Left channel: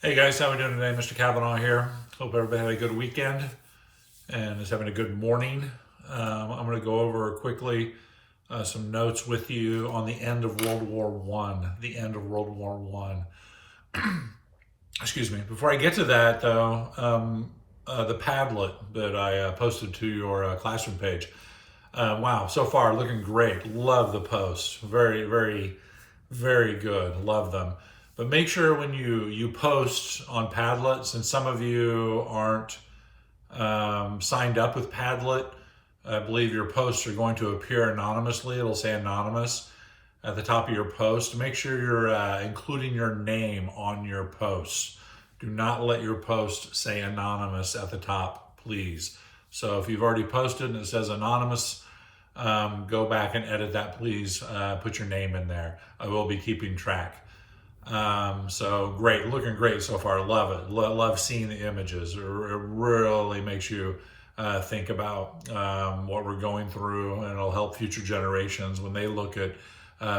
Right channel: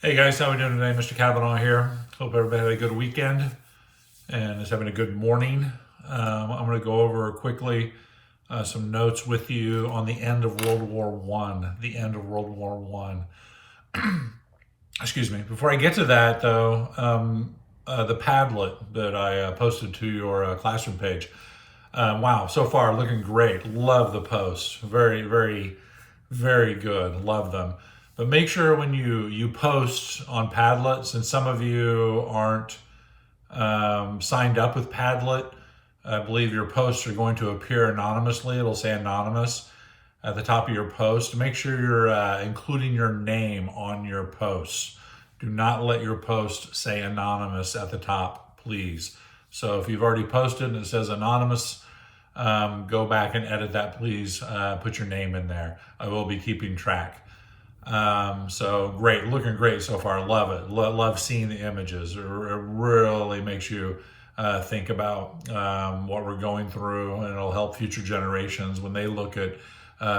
Hey guys, how we doing today? Mr. Kavanaugh here. Hope everybody had a good weekend and is having a good morning. I'm going to go over quickly some notes with you on the end of World War One. The end of World War One. Excuse me. Before I get to that, though, the Padlet that I posted to your classroom page. Wow, so far looking great. Love the posts. Very, very, very good. Love them. But make sure when you post on Padlet, since some of you aren't signed up with Padlet, I believe your posts are going to appear anonymously. It'll say anonymous at the top of your post. Make sure you're including your name on your posts. Do not let your post say anonymous at the top, please. So if you've already posted and it says anonymous, go back and edit that, please. Put your name in there. I will be keeping track. So great, looking great so far. Love it. Love seeing the images. It really makes you think about what we're going through, and it'll help future generations when they look at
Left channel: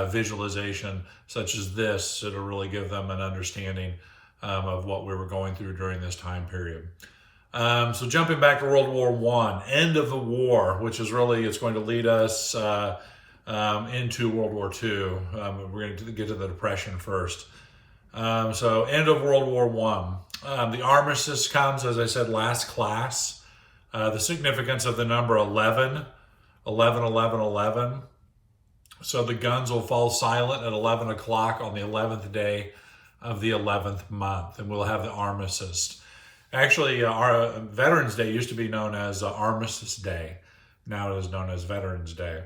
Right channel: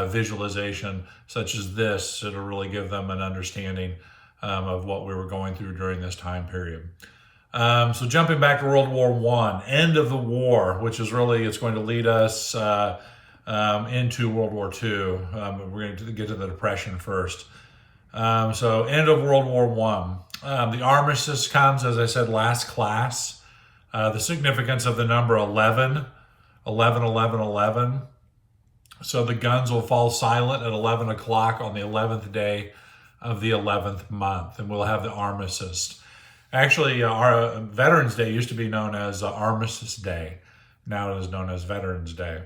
visualization such as this. It'll really give them an understanding of what we were going through during this time period. So jumping back to World War One, end of the war, which is really, it's going to lead us into World War Two. We're going to get to the Depression first. So end of World War One. The armistice comes, as I said, last class. The significance of the number 11, 11, 11, 11. So the guns will fall silent at 11 o'clock on the 11th day of the 11th month, and we'll have the armistice. Actually, our Veterans Day used to be known as Armistice Day. Now it is known as Veterans Day.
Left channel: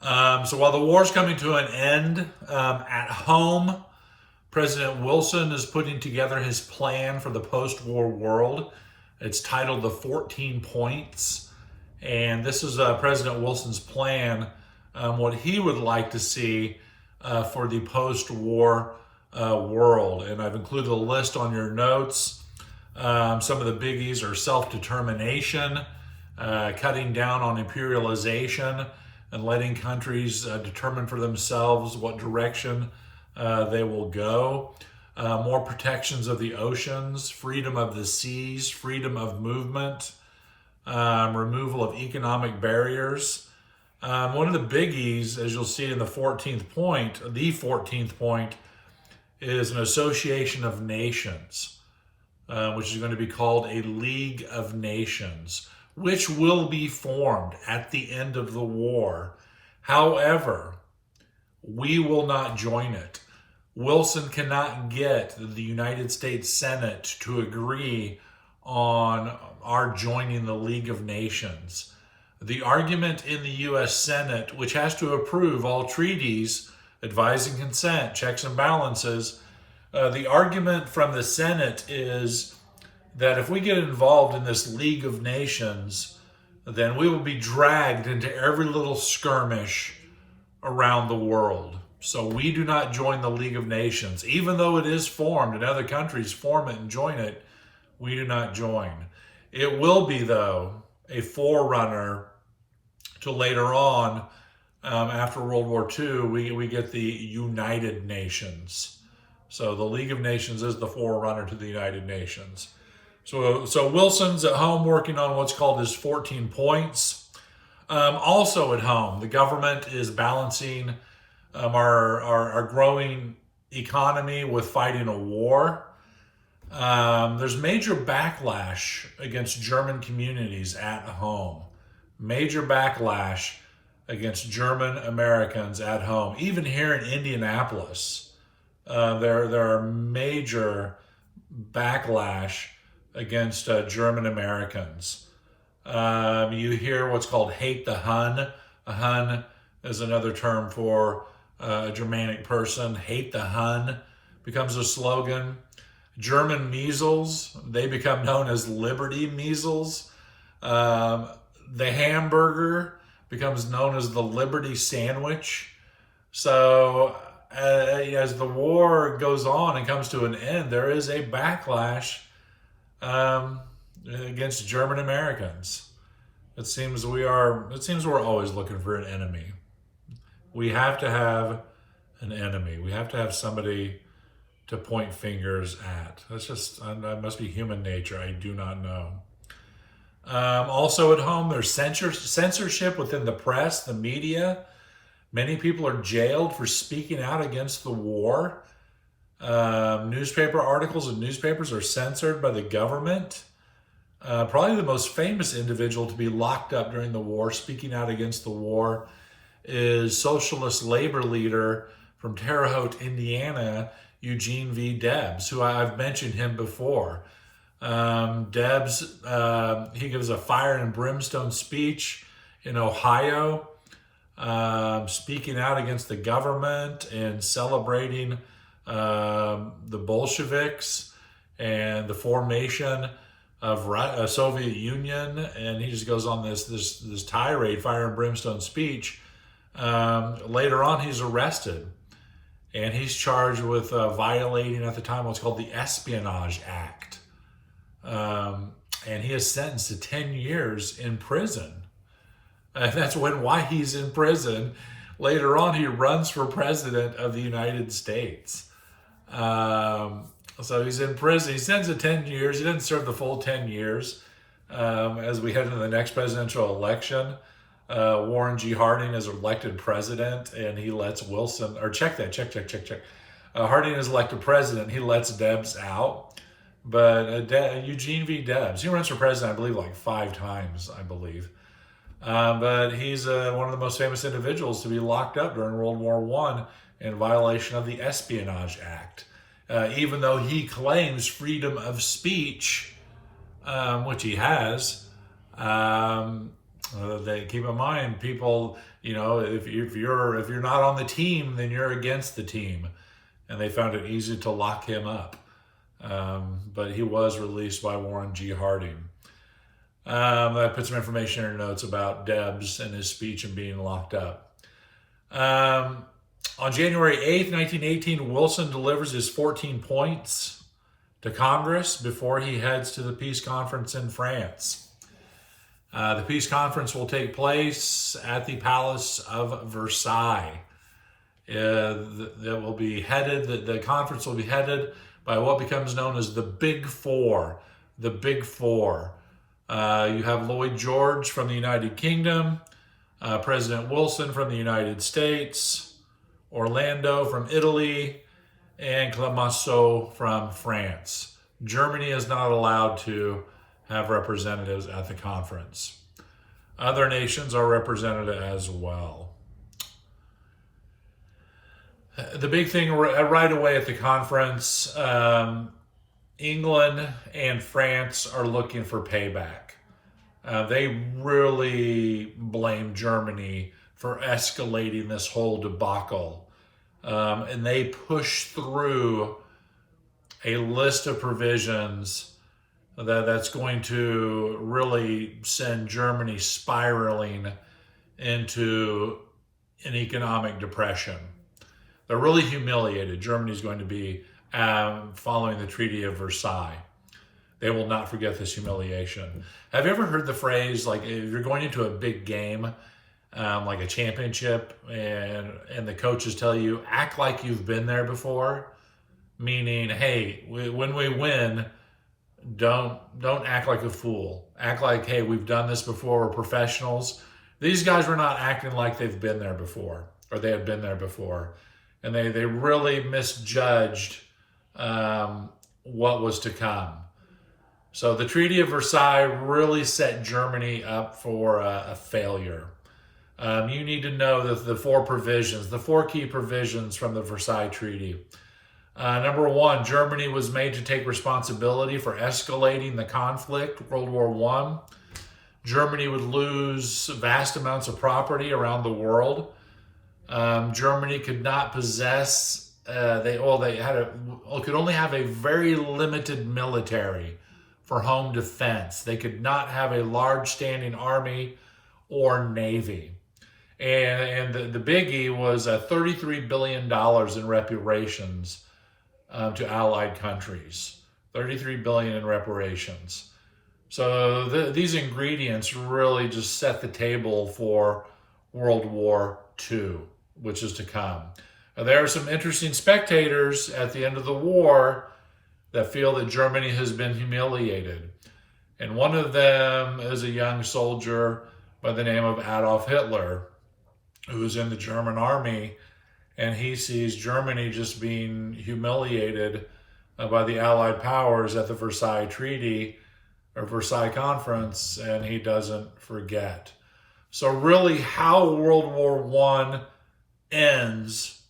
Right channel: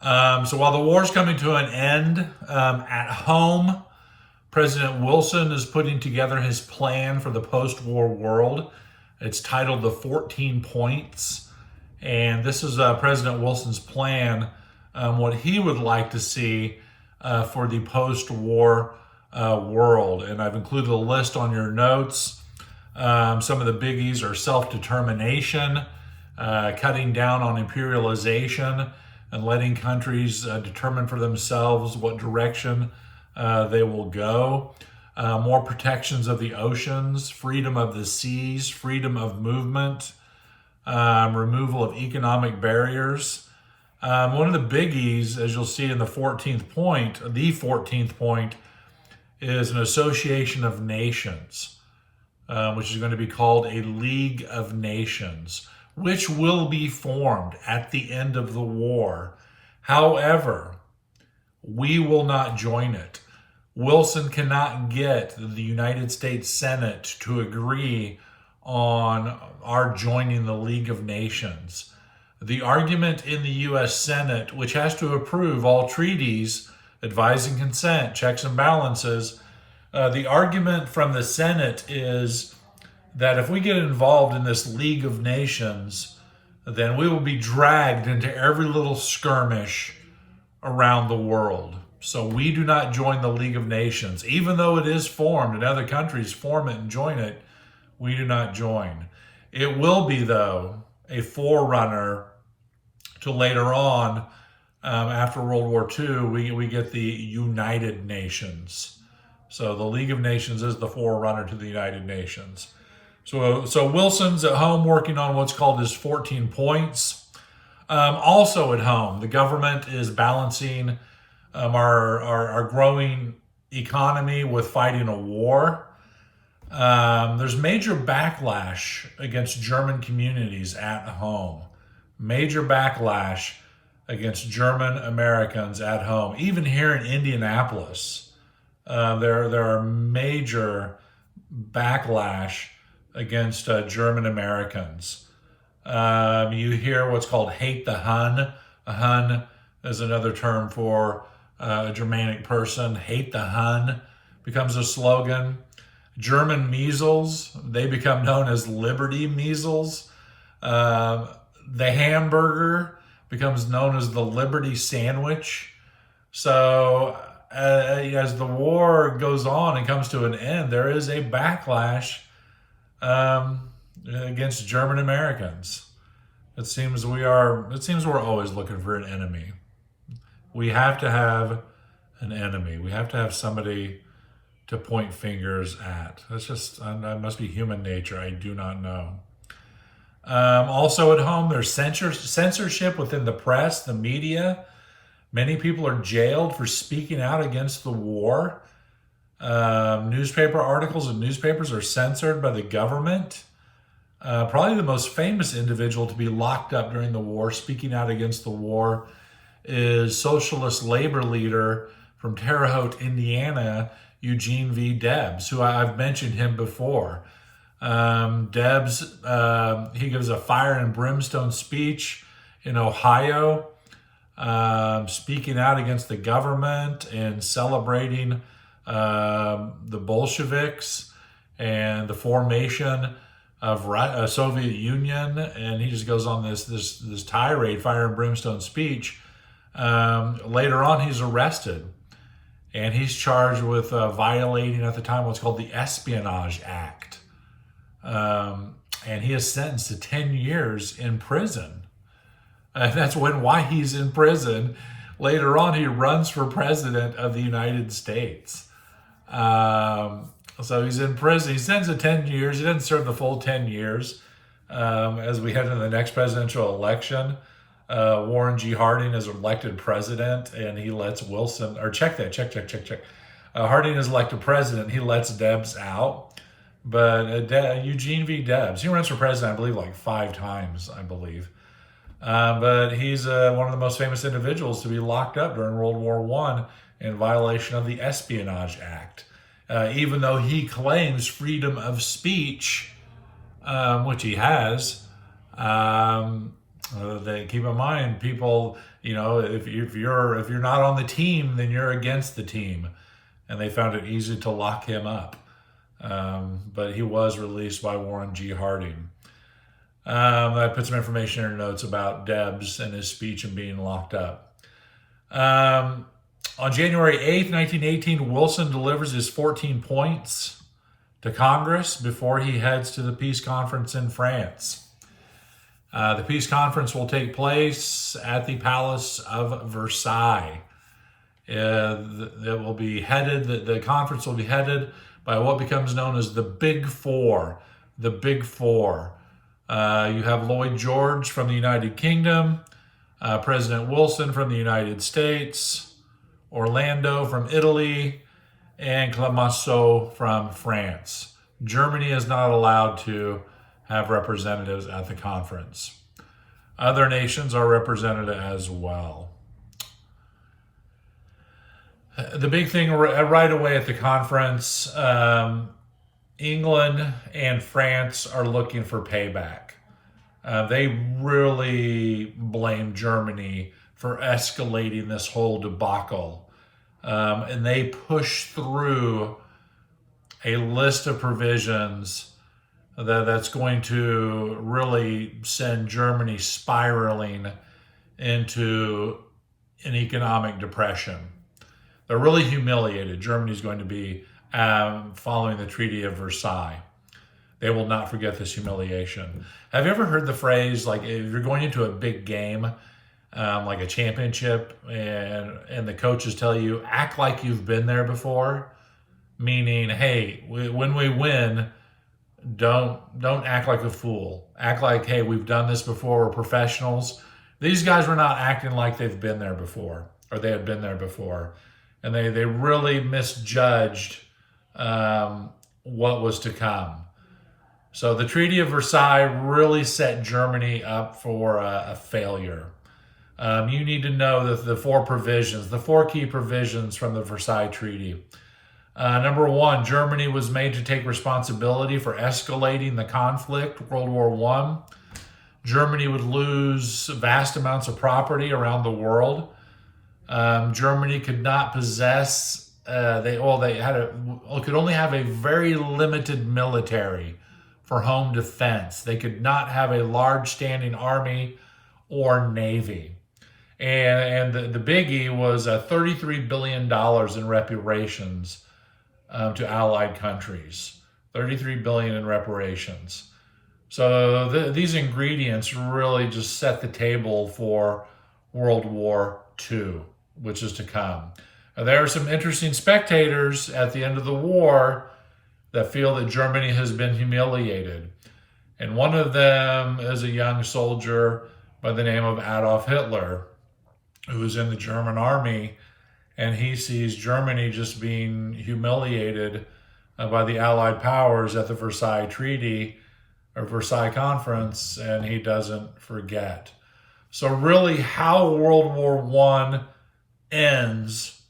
So while the war is coming to an end, at home, President Wilson is putting together his plan for the post-war world. It's titled The 14 Points. And this is President Wilson's plan, what he would like to see for the post-war world. And I've included a list on your notes. Some of the biggies are self-determination, cutting down on imperialization, and letting countries determine for themselves what direction they will go. More protections of the oceans, freedom of the seas, freedom of movement, removal of economic barriers. One of the biggies, as you'll see in the 14th point, is an association of nations, which is going to be called a League of Nations, which will be formed at the end of the war. However, we will not join it. Wilson cannot get the United States Senate to agree on our joining the League of Nations. The argument in the U.S. Senate, which has to approve all treaties, advising consent, checks and balances, the argument from the Senate is that if we get involved in this League of Nations, then we will be dragged into every little skirmish around the world. So we do not join the League of Nations. Even though it is formed and other countries form it and join it, we do not join. It will be, though, a forerunner to later on, after World War II, we get the United Nations. So the League of Nations is the forerunner to the United Nations. So Wilson's at home working on what's called his 14 points. Also at home, the government is balancing our growing economy with fighting a war. There's major backlash against German communities at home. Major backlash against German Americans at home. Even here in Indianapolis, there are major backlash against German Americans. You hear what's called hate the Hun. A Hun is another term for a Germanic person. Hate the Hun becomes a slogan. German measles, they become known as Liberty measles. The hamburger becomes known as the Liberty sandwich. So as the war goes on and comes to an end, there is a backlash against German Americans. It seems we're always looking for an enemy. We have to have an enemy. We have to have somebody to point fingers at. That must be human nature. I do not know. Also at home, there's censorship within the press, the media. Many people are jailed for speaking out against the war. Newspaper articles and newspapers are censored by the government. Probably the most famous individual to be locked up during the war, speaking out against the war, is socialist labor leader from Terre Haute, Indiana, Eugene V. Debs, who I've mentioned him before. Debs, he gives a fire and brimstone speech in Ohio, speaking out against the government and celebrating the Bolsheviks and the formation of a Soviet Union. And he just goes on this tirade, fire and brimstone speech. Later on, he's arrested. And he's charged with violating, at the time, what's called the Espionage Act. And he is sentenced to 10 years in prison. And that's why he's in prison. Later on, he runs for president of the United States. So he's in prison. He's sentenced to 10 years. He doesn't serve the full 10 years. As we head into the next presidential election, Warren G. Harding is elected president, and he lets Wilson, or check. Harding is elected president. He lets Debs out. But Eugene V. Debs, he runs for president, I believe, like 5 times, I believe. But he's one of the most famous individuals to be locked up during World War I in violation of the Espionage Act. Even though he claims freedom of speech, which he has, they keep in mind, people, if you're not on the team, then you're against the team, and they found it easy to lock him up. But he was released by Warren G. Harding. I put some information in our notes about Debs and his speech and being locked up. On January 8th, 1918, Wilson delivers his 14 points to Congress before he heads to the peace conference in France. The peace conference will take place at the Palace of Versailles. The conference will be headed by what becomes known as the Big Four. The Big Four. You have Lloyd George from the United Kingdom, President Wilson from the United States, Orlando from Italy, and Clemenceau from France. Germany is not allowed to have representatives at the conference. Other nations are represented as well. The big thing right away at the conference, England and France are looking for payback. They really blame Germany for escalating this whole debacle. And they push through a list of provisions that's going to really send Germany spiraling into an economic depression. They're really humiliated. Germany's going to be following the Treaty of Versailles. They will not forget this humiliation. Have you ever heard the phrase, like, if you're going into a big game, like a championship, and the coaches tell you, act like you've been there before? Meaning, hey, when we win, don't act like a fool. Act like, hey, we've done this before, we're professionals. These guys were not acting like they've been there before, or they had been there before. And they really misjudged what was to come. So the Treaty of Versailles really set Germany up for a failure. You need to know that the 4 key provisions from the Versailles Treaty. Number 1, Germany was made to take responsibility for escalating the conflict, World War I. Germany would lose vast amounts of property around the world. Germany could not possess, could only have a very limited military for home defense. They could not have a large standing army or navy. And the biggie was $33 billion in reparations to Allied countries. $33 billion in reparations. So these ingredients really just set the table for World War II, which is to come. There are some interesting spectators at the end of the war that feel that Germany has been humiliated. And one of them is a young soldier by the name of Adolf Hitler, who was in the German army, and he sees Germany just being humiliated by the Allied powers at the Versailles Treaty or Versailles Conference, and he doesn't forget. So really how World War I ends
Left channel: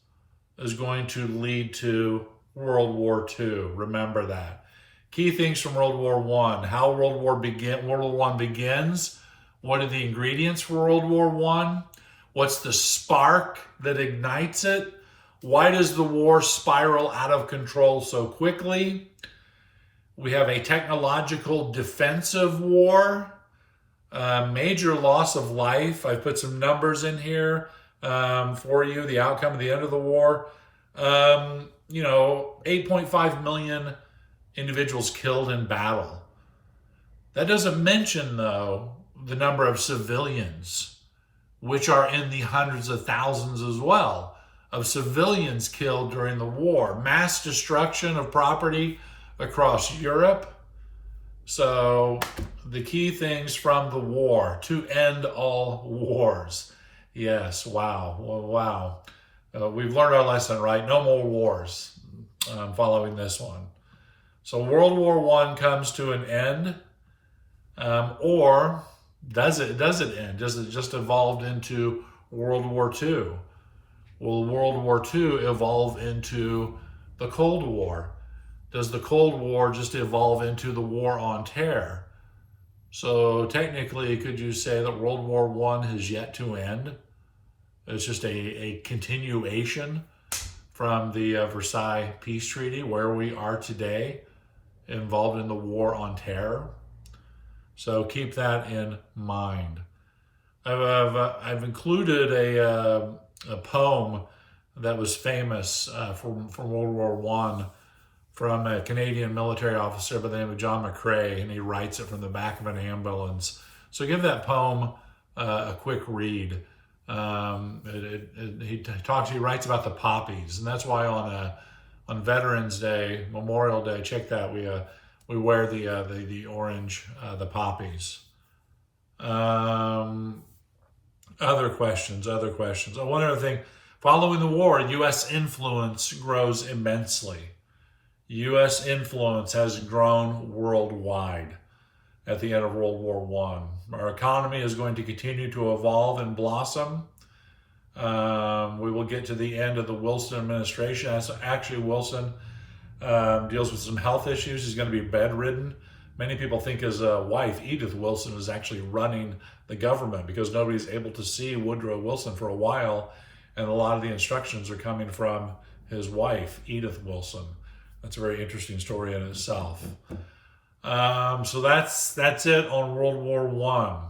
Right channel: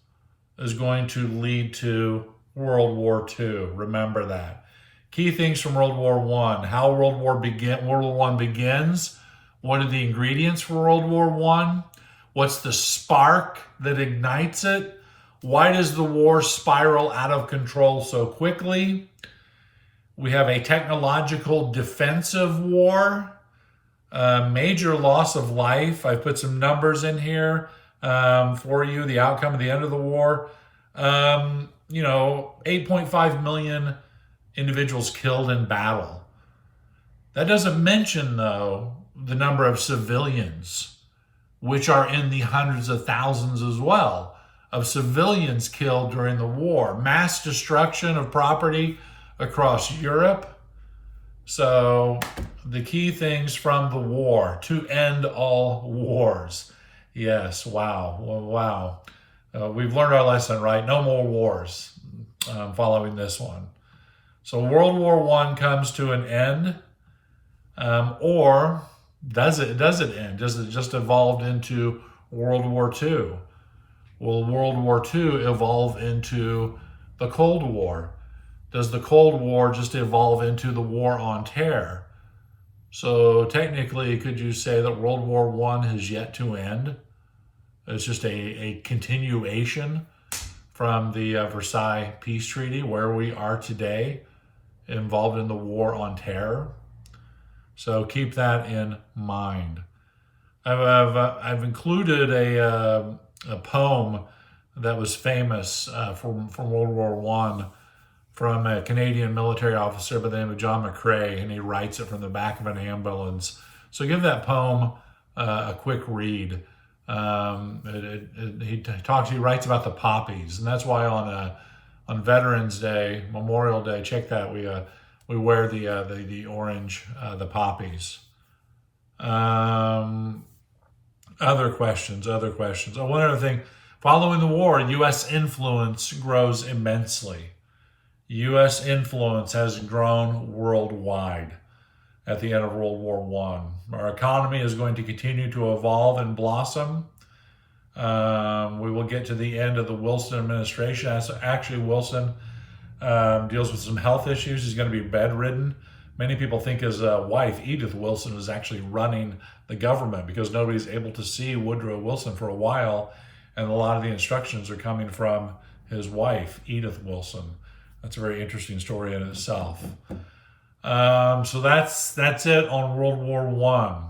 is going to lead to World War II. Remember that. Key things from World War I. How World War I begins. What are the ingredients for World War I? What's the spark that ignites it? Why does the war spiral out of control so quickly? We have a technological defensive war. Major loss of life. I put some numbers in here for you, the outcome at the end of the war. 8.5 million individuals killed in battle. That doesn't mention, though, the number of civilians, which are in the hundreds of thousands as well, of civilians killed during the war. Mass destruction of property across Europe. So the key things from the war: to end all wars. Yes, wow, wow. We've learned our lesson, right? No more wars following this one. So World War I comes to an end, or does it end? Does it just evolve into World War II? Will World War II evolve into the Cold War? Does the Cold War just evolve into the War on Terror? So technically, could you say that World War I has yet to end? It's just a continuation from the Versailles Peace Treaty, where we are today, involved in the War on Terror. So keep that in mind. I've included a poem that was famous from World War I from a Canadian military officer by the name of John McCrae, and he writes it from the back of an ambulance. So give that poem a quick read. He writes about the poppies, and that's why on Veterans Day, Memorial Day, check that, we wear the orange, the poppies. Other questions. Oh, one other thing. Following the war, U.S. influence grows immensely. U.S. influence has grown worldwide at the end of World War I. Our economy is going to continue to evolve and blossom. We will get to the end of the Wilson administration. Actually, Wilson deals with some health issues. He's going to be bedridden. Many people think his wife, Edith Wilson, is actually running the government because nobody's able to see Woodrow Wilson for a while, and a lot of the instructions are coming from his wife, Edith Wilson. That's a very interesting story in itself. So that's it on World War I.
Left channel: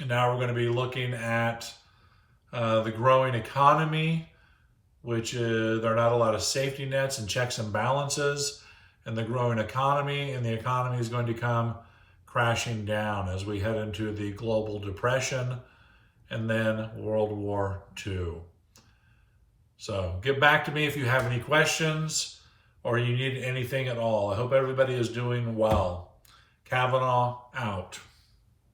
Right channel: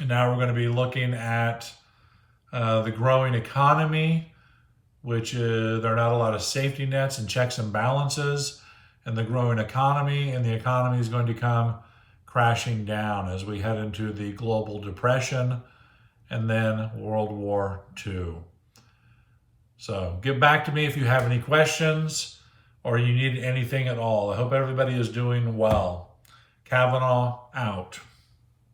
And now we're going to be looking at the growing economy, which there are not a lot of safety nets and checks and balances in the growing economy, and the economy is going to come crashing down as we head into the global depression and then World War II. So get back to me if you have any questions or you need anything at all. I hope everybody is doing well. Kavanaugh out.